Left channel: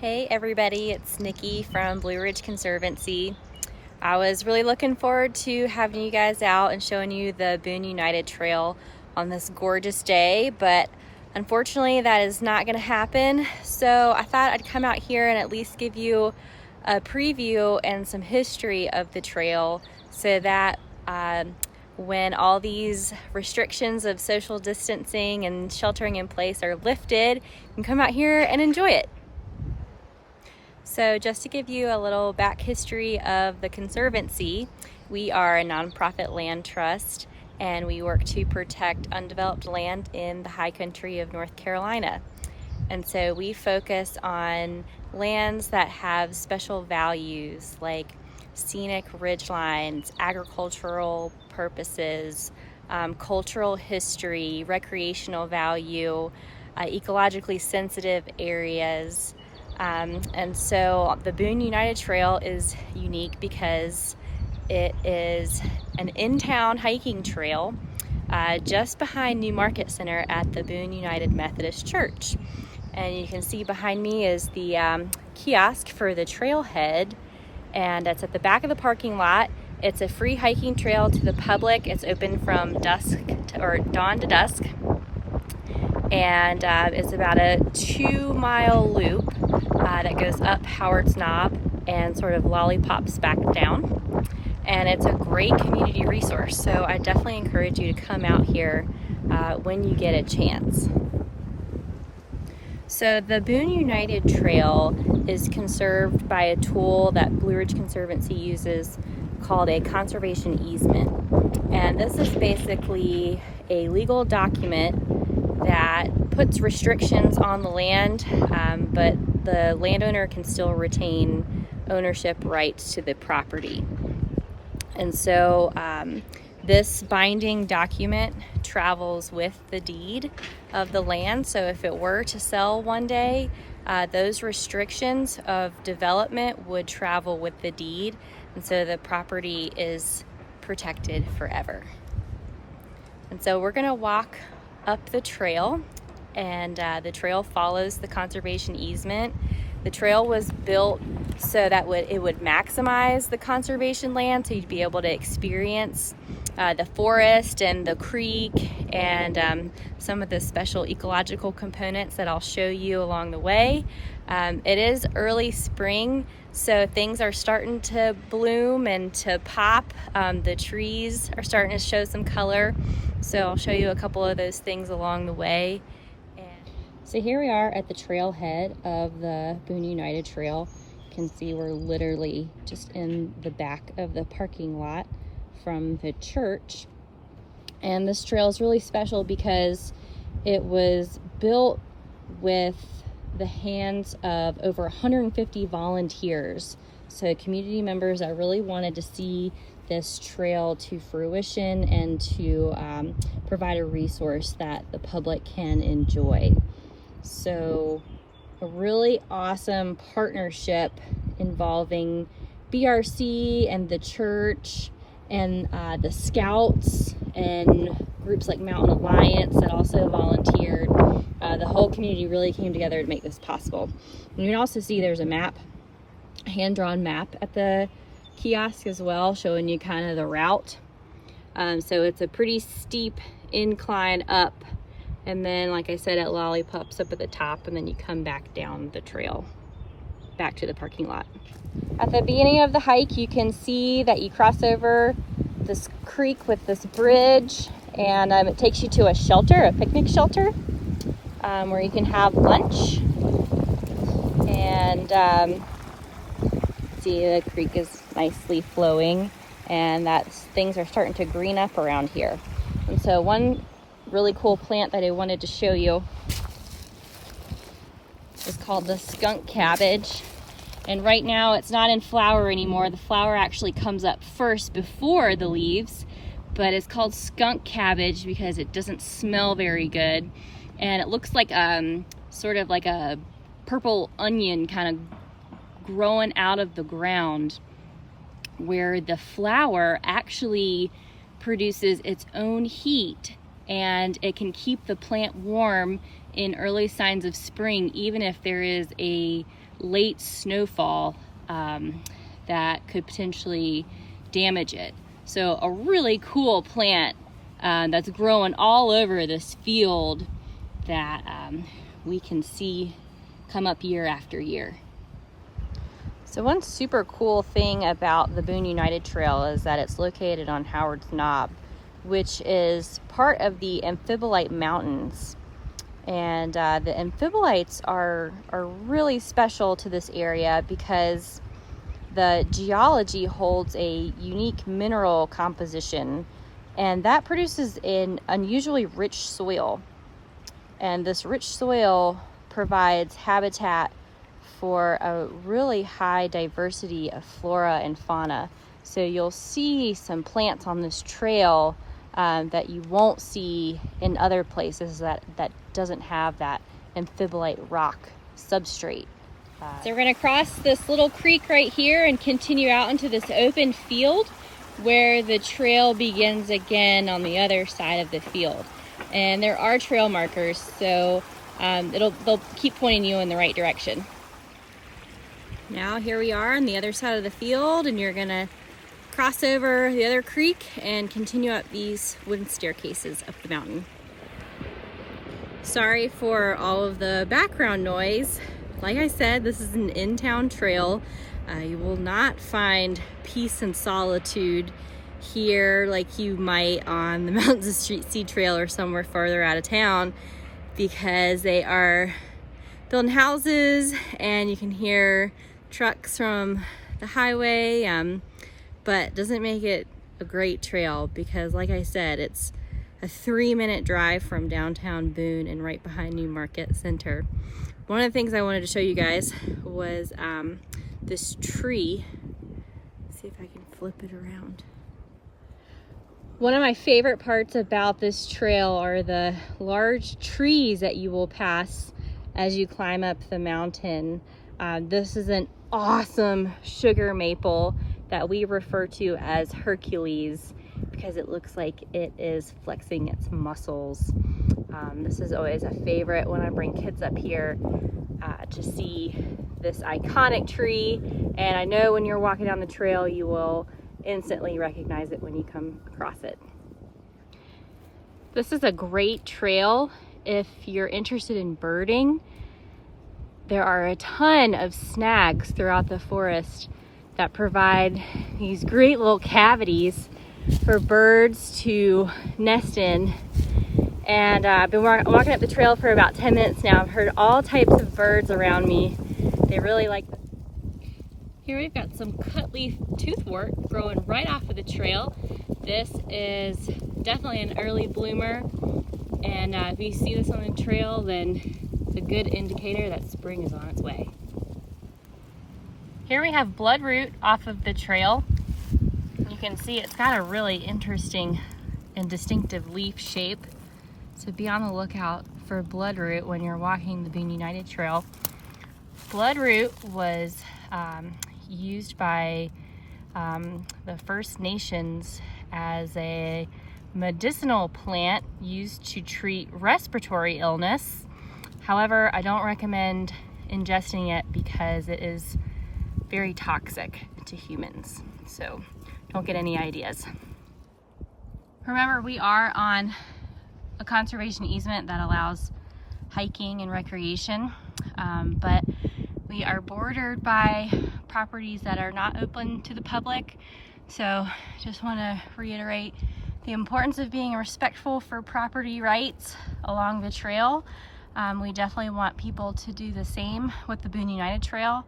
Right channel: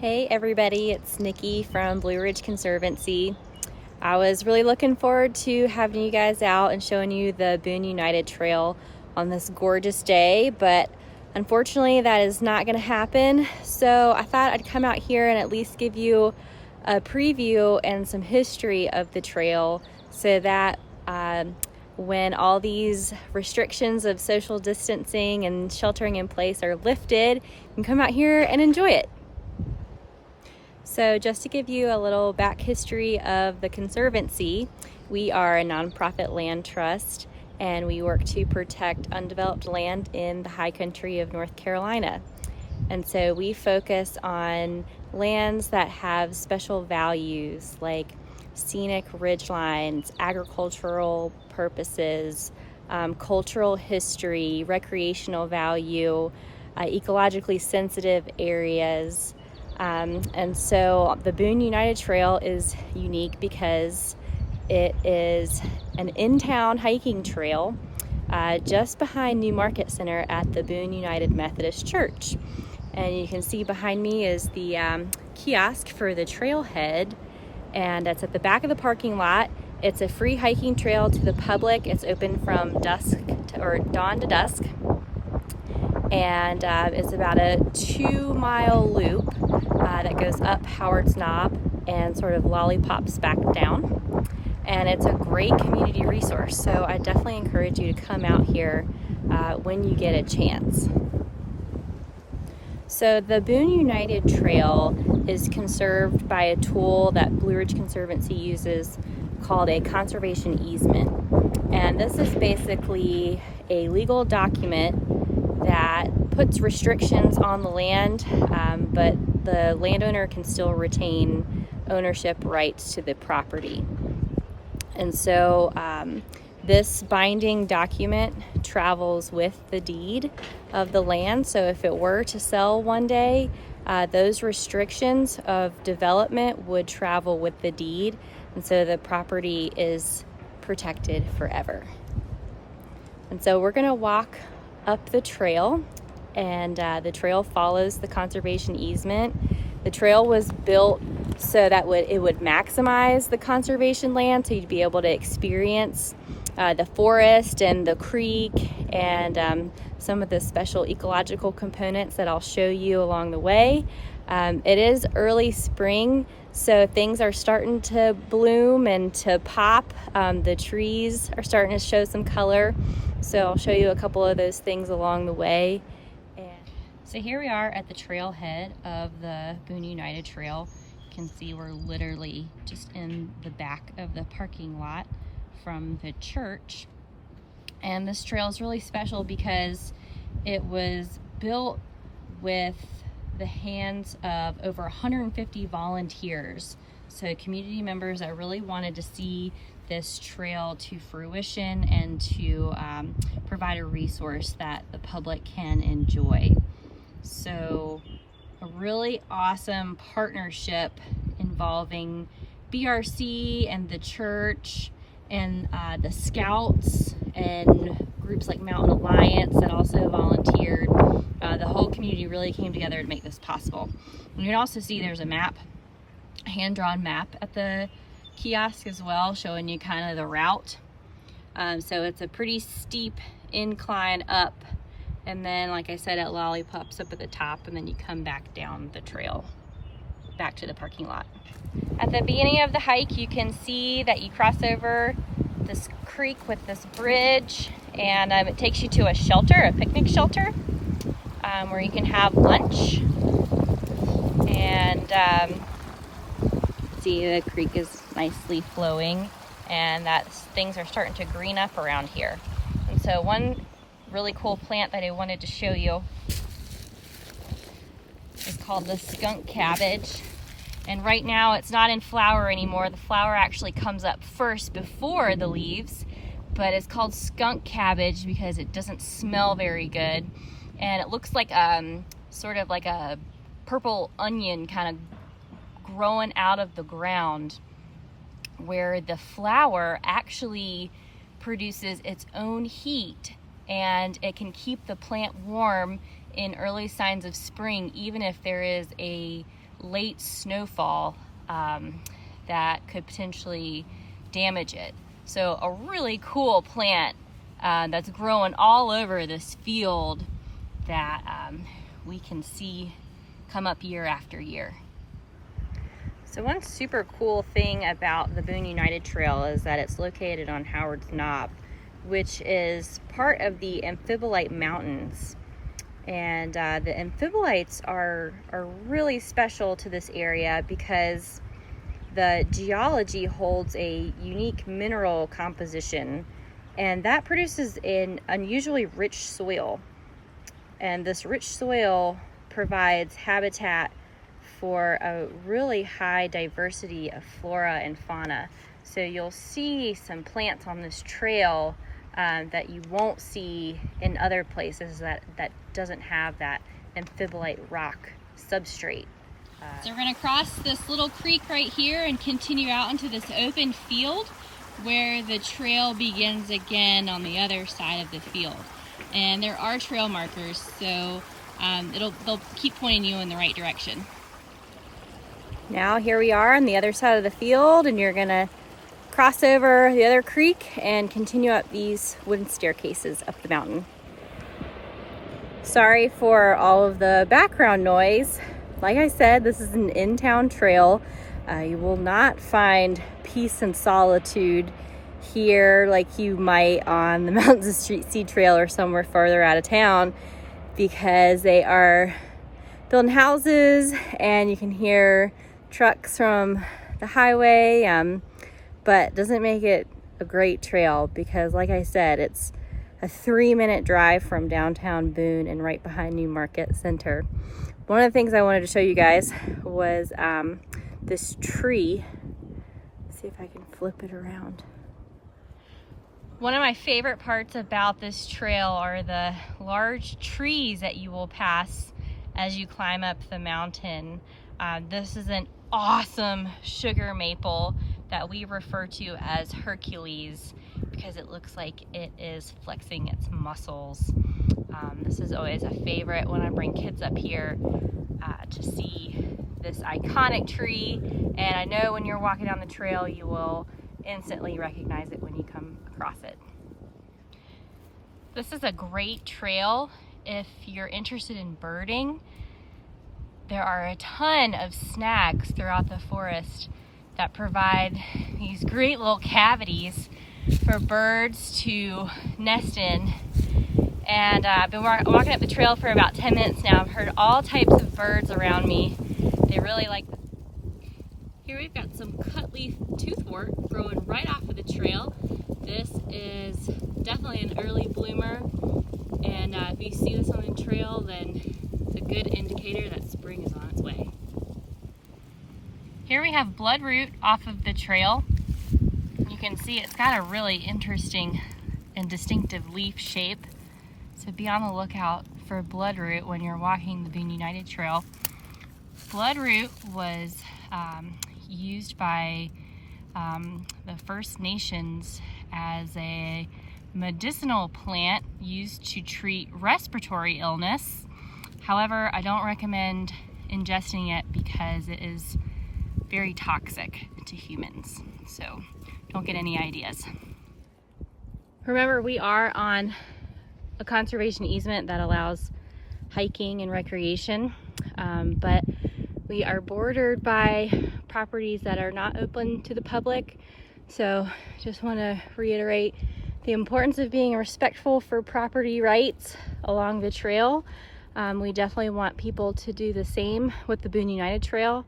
Hey everybody, it's Nikki from Blue Ridge Conservancy. I was really looking forward to having you guys out and showing you the Boone United Trail on this gorgeous day, but unfortunately that is not going to happen. So I thought I'd come out here and at least give you a preview and some history of the trail so that when all these restrictions of social distancing and sheltering in place are lifted, you can come out here and enjoy it. So just to give you a little back history of the Conservancy, we are a nonprofit land trust and we work to protect undeveloped land in the high country of North Carolina. And so we focus on lands that have special values like scenic ridgelines, agricultural purposes, cultural history, recreational value, ecologically sensitive areas. And so the Boone United Trail is unique because it is an in-town hiking trail just behind New Market Center at the Boone United Methodist Church. And you can see behind me is the kiosk for the Trailhead, and it's at the back of the parking lot. It's a free hiking trail to the public. It's open from dawn to dusk. And it's about a 2-mile loop that goes up Howard's Knob and sort of lollipops back down. And it's a great community resource, so I definitely encourage you to come out here when you get a chance. So the Boone United Trail is conserved by a tool that Blue Ridge Conservancy uses called a conservation easement. And this is basically a legal document that puts restrictions on the land, but the landowner can still retain ownership rights to the property. And so this binding document travels with the deed of the land. So if it were to sell one day, those restrictions of development would travel with the deed. And so the property is protected forever. And so we're gonna walk up the trail, and the trail follows the conservation easement. The trail was built so that it would maximize the conservation land, so you'd be able to experience the forest and the creek and some of the special ecological components that I'll show you along the way. It is early spring, so things are starting to bloom and to pop. The trees are starting to show some color. So I'll show you a couple of those things along the way. So here we are at the trailhead of the Boone United Trail. You can see we're literally just in the back of the parking lot from the church. And this trail is really special because it was built with the hands of over 150 volunteers. So community members that really wanted to see this trail to fruition and to provide a resource that the public can enjoy. So a really awesome partnership involving BRC and the church and the Scouts and groups like Mountain Alliance that also volunteered. The whole community really came together to make this possible. And you can also see there's a map, a hand-drawn map at the kiosk as well, showing you kind of the route. So it's a pretty steep incline up, and then like I said, it lollipops up at the top, and then you come back down the trail back to the parking lot. At the beginning of the hike, you can see that you cross over this creek with this bridge, and it takes you to a shelter, a picnic shelter, where you can have lunch. And see, the creek is nicely flowing, and things are starting to green up around here. And so one really cool plant that I wanted to show you is called the skunk cabbage. And right now it's not in flower anymore. The flower actually comes up first before the leaves, but it's called skunk cabbage because it doesn't smell very good. And it looks like sort of like a purple onion kind of growing out of the ground, where the flower actually produces its own heat, and it can keep the plant warm in early signs of spring, even if there is a late snowfall that could potentially damage it. So a really cool plant that's growing all over this field that we can see come up year after year. So one super cool thing about the Boone United Trail is that it's located on Howard's Knob, which is part of the Amphibolite Mountains. And the amphibolites are really special to this area because the geology holds a unique mineral composition, and that produces an unusually rich soil. And this rich soil provides habitat for a really high diversity of flora and fauna. So you'll see some plants on this trail that you won't see in other places that doesn't have that amphibolite rock substrate. So we're gonna cross this little creek right here and continue out into this open field where the trail begins again on the other side of the field. And there are trail markers, so they'll keep pointing you in the right direction. Now here we are on the other side of the field, and you're gonna cross over the other creek and continue up these wooden staircases up the mountain. Sorry for all of the background noise. Like I said, this is an in-town trail. You will not find peace and solitude here like you might on the Mountains of Street Sea Trail or somewhere farther out of town, because they are building houses and you can hear trucks from the highway, but doesn't make it a great trail because, like I said, it's a 3-minute drive from downtown Boone and right behind New Market Center. One of the things I wanted to show you guys was this tree. Let's see if I can flip it around. One of my favorite parts about this trail are the large trees that you will pass as you climb up the mountain. This is an awesome sugar maple that we refer to as Hercules because it looks like it is flexing its muscles. This is always a favorite when I bring kids up here to see this iconic tree, and I know when you're walking down the trail you will instantly recognize it when you come across it. This is a great trail if you're interested in birding. There are a ton of snags throughout the forest that provide these great little cavities for birds to nest in. And I've been walking up the trail for about 10 minutes now. I've heard all types of birds around me. They really like. Here we've got some cutleaf toothwort growing right off of the trail. This is definitely an early bloomer, and if you see this on the trail, then it's a good indicator that spring is on its way. Here we have Bloodroot off of the trail. You can see it's got a really interesting and distinctive leaf shape, so be on the lookout for Bloodroot when you're walking the Boone United Trail. Bloodroot was used by the First Nations as a medicinal plant used to treat respiratory illness. However, I don't recommend ingesting it because it is very toxic to humans, so don't get any ideas. Remember, we are on a conservation easement that allows hiking and recreation, but we are bordered by properties that are not open to the public. So just want to reiterate the importance of being respectful for property rights along the trail. We definitely want people to do the same with the Boone United Trail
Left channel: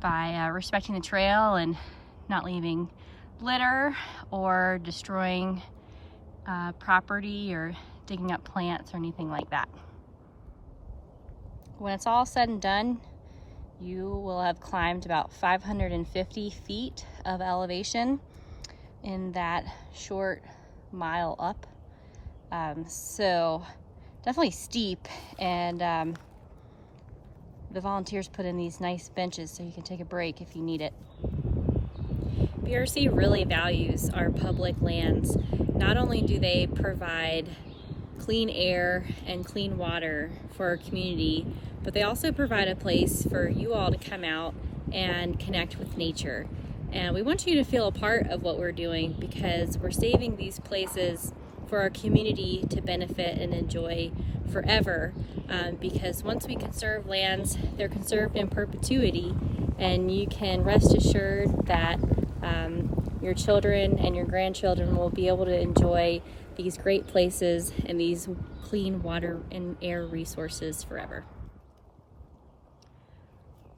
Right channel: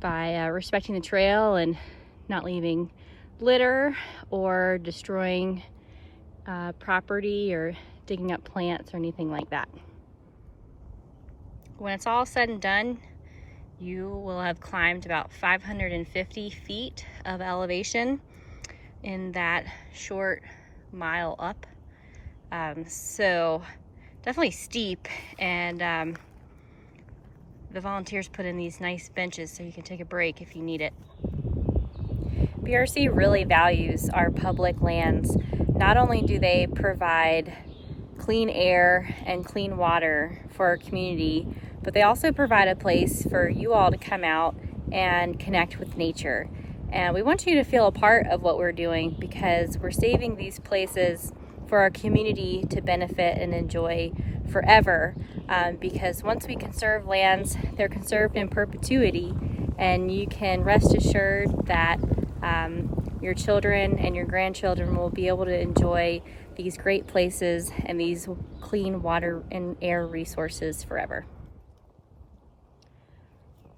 by respecting the trail and not leaving litter or destroying property or digging up plants or anything like that. When it's all said and done, you will have climbed about 550 feet of elevation in that short mile up. So definitely steep, and the volunteers put in these nice benches so you can take a break if you need it. BRC really values our public lands. Not only do they provide clean air and clean water for our community but they also provide a place for you all to come out and connect with nature. And we want you to feel a part of what we're doing, because we're saving these places for our community to benefit and enjoy forever. Because once we conserve lands, they're conserved in perpetuity, and you can rest assured that your children and your grandchildren will be able to enjoy these great places and these clean water and air resources forever.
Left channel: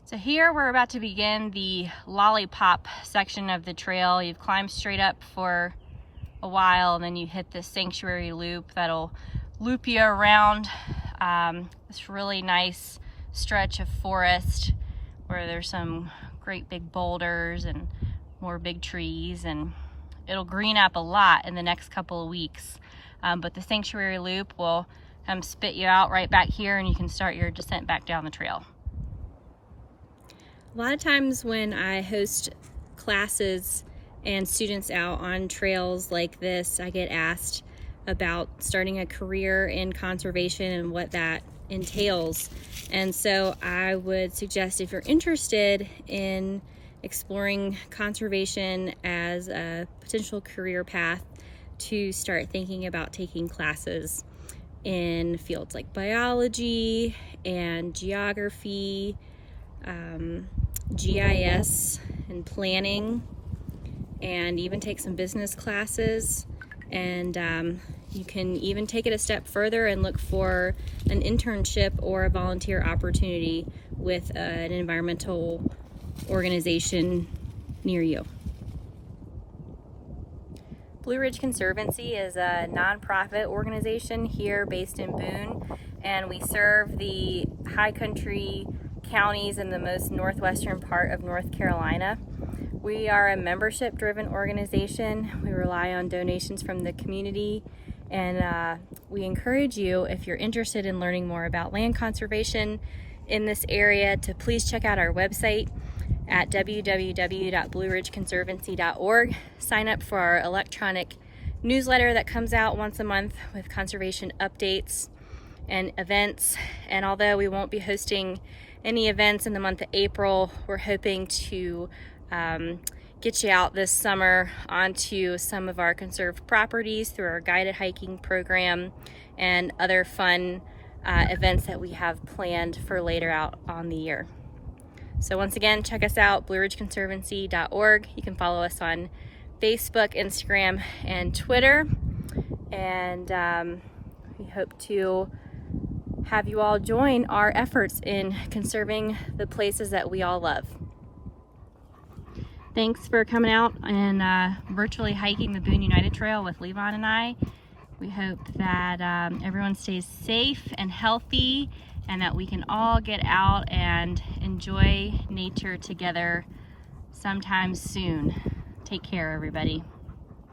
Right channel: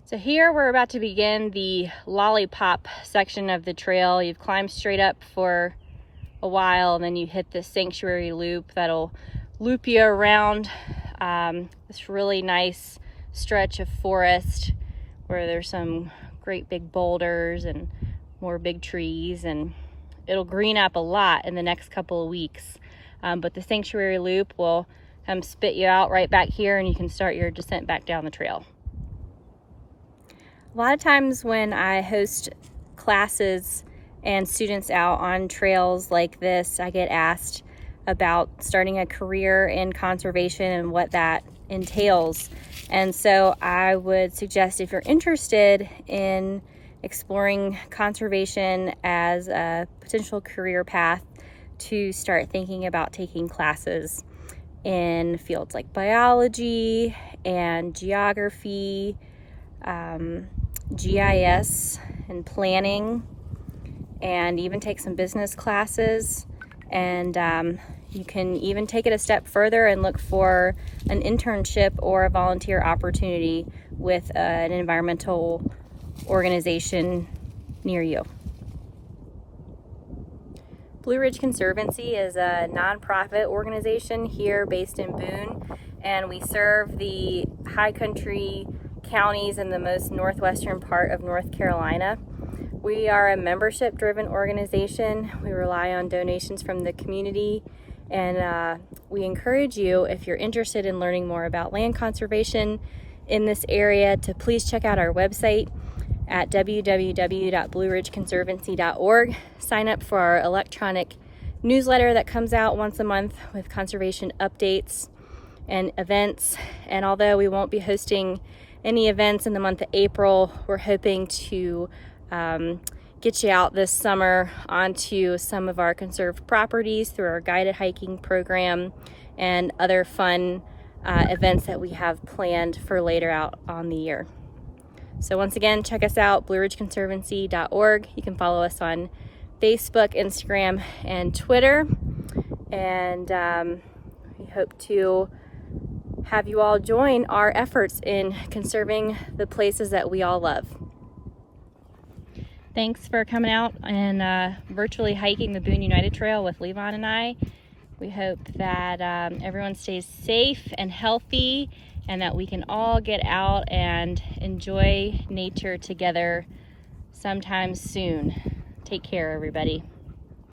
So here we're about to begin the Lollipop section of the trail. You've climbed straight up for a while, and then you hit this sanctuary loop that'll loop you around this really nice stretch of forest where there's some great big boulders and more big trees, and it'll green up a lot in the next couple of weeks. But the sanctuary loop will spit you out right back here, and you can start your descent back down the trail. A lot of times when I host classes and students out on trails like this, I get asked about starting a career in conservation and what that entails. And so I would suggest, if you're interested in exploring conservation as a potential career path, to start thinking about taking classes in fields like biology and geography, GIS and planning, and even take some business classes. And you can even take it a step further and look for an internship or a volunteer opportunity with an environmental organization near you. Blue Ridge Conservancy is a nonprofit organization here based in Boone, and we serve the high country counties in the most northwestern part of North Carolina. We are a membership-driven organization. We rely on donations from the community, and we encourage you, if you're interested in learning more about land conservation in this area, to please check out our website at www.blueridgeconservancy.org. Sign up for our electronic newsletter that comes out once a month with conservation updates and events. And although we won't be hosting any events in the month of April, we're hoping to get you out this summer onto some of our conserved properties through our guided hiking program and other fun events that we have planned for later out on the year. So once again, check us out, blueridgeconservancy.org. You can follow us on Facebook, Instagram, and Twitter. And we hope to have you all join our efforts in conserving the places that we all love. Thanks for coming out and virtually hiking the Boone United Trail with Levon and I. We hope that everyone stays safe and healthy, and that we can all get out and enjoy nature together sometime soon. Take care, everybody.